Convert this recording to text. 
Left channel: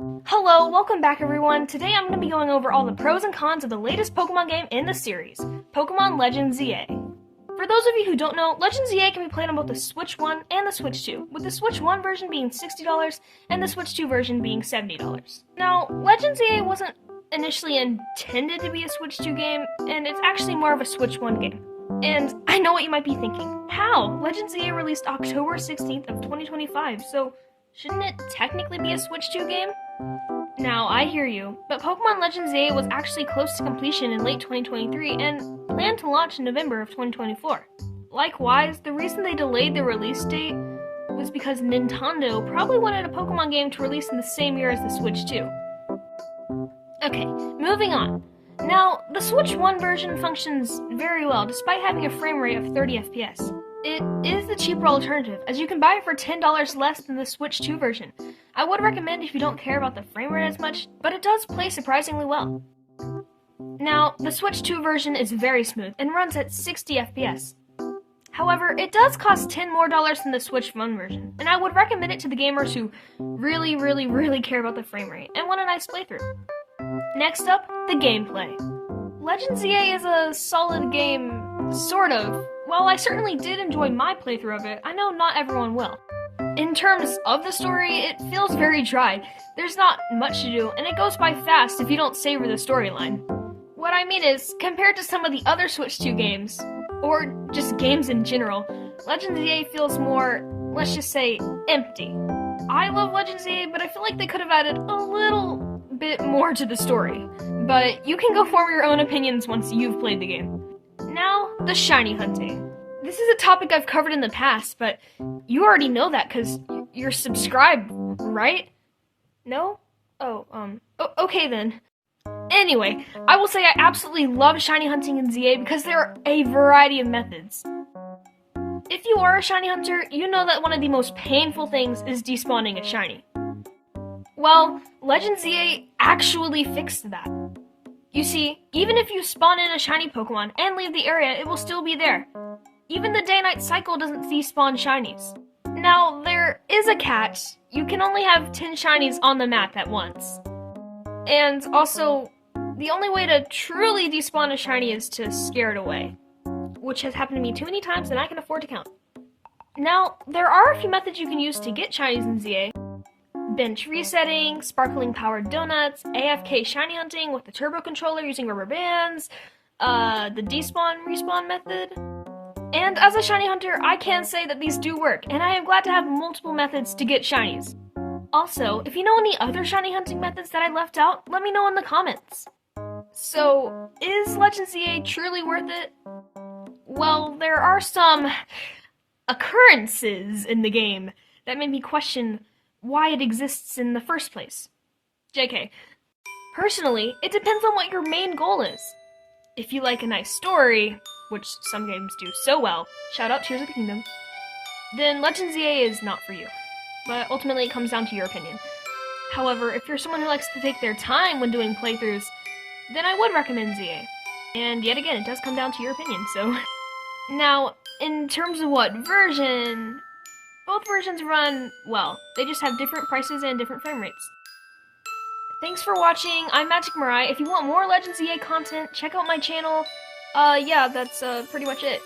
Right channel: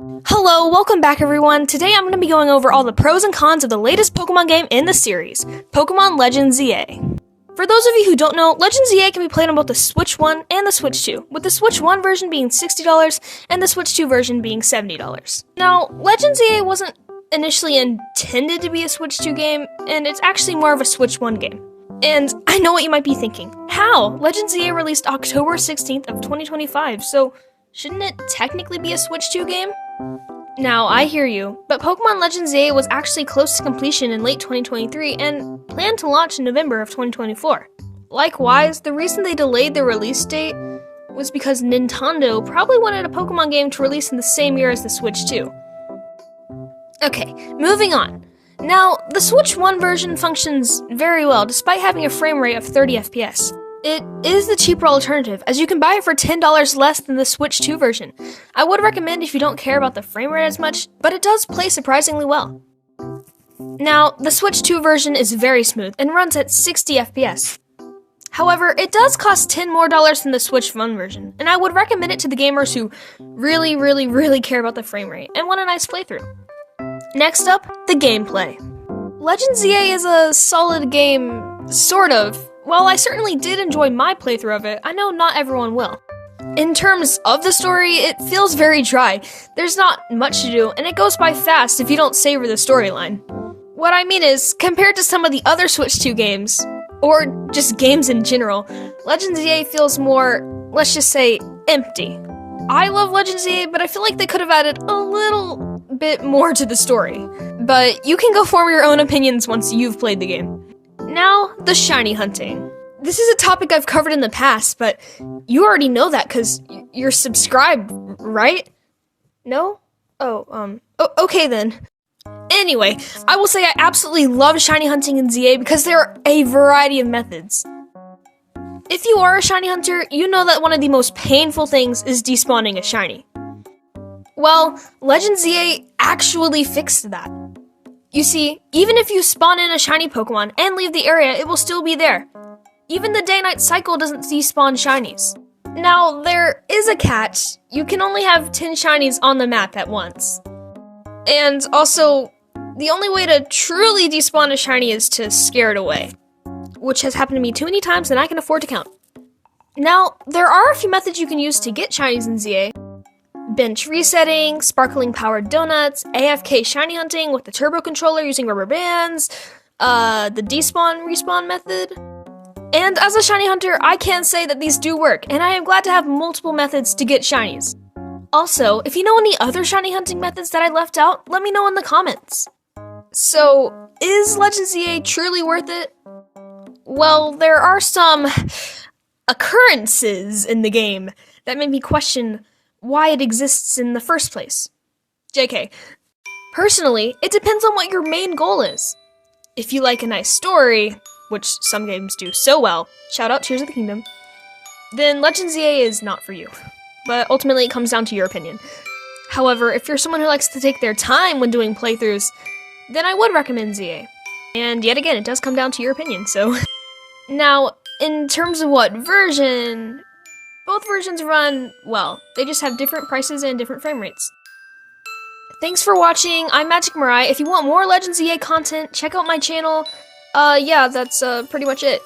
Hello, welcome back everyone. Today I'm going to be going over all the pros and cons of the latest Pokemon game in the series, Pokemon Legends ZA. For those of you who don't know, Legends ZA can be played on both the Switch 1 and the Switch 2, with the Switch 1 version being $60 and the Switch 2 version being $70. Now, Legends ZA wasn't initially intended to be a Switch 2 game, and it's actually more of a Switch 1 game. And I know what you might be thinking. How? Legends ZA released October 16th of 2025, so shouldn't it technically be a Switch 2 game? Now, I hear you, but Pokemon Legends ZA was actually close to completion in late 2023 and planned to launch in November of 2024. Likewise, the reason they delayed the release date was because Nintendo probably wanted a Pokemon game to release in the same year as the Switch 2. Okay, moving on. Now, the Switch 1 version functions very well despite having a frame rate of 30 FPS. It is the cheaper alternative, as you can buy it for $10 less than the Switch 2 version. I would recommend if you don't care about the frame rate as much, but it does play surprisingly well. Now, the Switch 2 version is very smooth and runs at 60 FPS. However, it does cost $10 more than the Switch 1 version, and I would recommend it to the gamers who really care about the frame rate and want a nice playthrough. Next up, the gameplay. Legends ZA is a solid game, sort of. While I certainly did enjoy my playthrough of it, I know not everyone will. In terms of the story, it feels very dry. There's not much to do, and it goes by fast if you don't savor the storyline. What I mean is, compared to some of the other Switch 2 games, or just games in general, Legends ZA feels more, let's just say, empty. I love Legends ZA, but I feel like they could have added a little bit more to the story. But you can go form your own opinions once you've played the game. Now, the shiny hunting. This is a topic I've covered in the past, but you already know that because you're subscribed, right? No? Okay then. Anyway, I will say I absolutely love shiny hunting in ZA because there are a variety of methods. If you are a shiny hunter, you know that one of the most painful things is despawning a shiny. Well, Legends ZA actually fixed that. You see, even if you spawn in a shiny Pokemon and leave the area, it will still be there. Even the day-night cycle doesn't despawn shinies. Now, there is a catch. You can only have 10 shinies on the map at once. And also, the only way to truly despawn a shiny is to scare it away, which has happened to me too many times than I can afford to count. Now, there are a few methods you can use to get shinies in ZA. Bench resetting, sparkling powered donuts, AFK shiny hunting with the turbo controller using rubber bands, the despawn-respawn method. And as a shiny hunter, I can say that these do work, and I am glad to have multiple methods to get shinies. Also, if you know any other shiny hunting methods that I left out, let me know in the comments. So, is Legends ZA truly worth it? Well, there are some occurrences in the game that made me question why it exists in the first place. JK. Personally, it depends on what your main goal is. If you like a nice story, which some games do so well, shout out Tears of the Kingdom, then Legends ZA is not for you. But ultimately it comes down to your opinion. However, if you're someone who likes to take their time when doing playthroughs, then I would recommend ZA. And yet again, it does come down to your opinion, so. Now, in terms of what version, both versions run well. They just have different prices and different frame rates. Thanks for watching. I'm Magic Mirai. If you want more Legends ZA content, check out my channel. Yeah, that's pretty much it.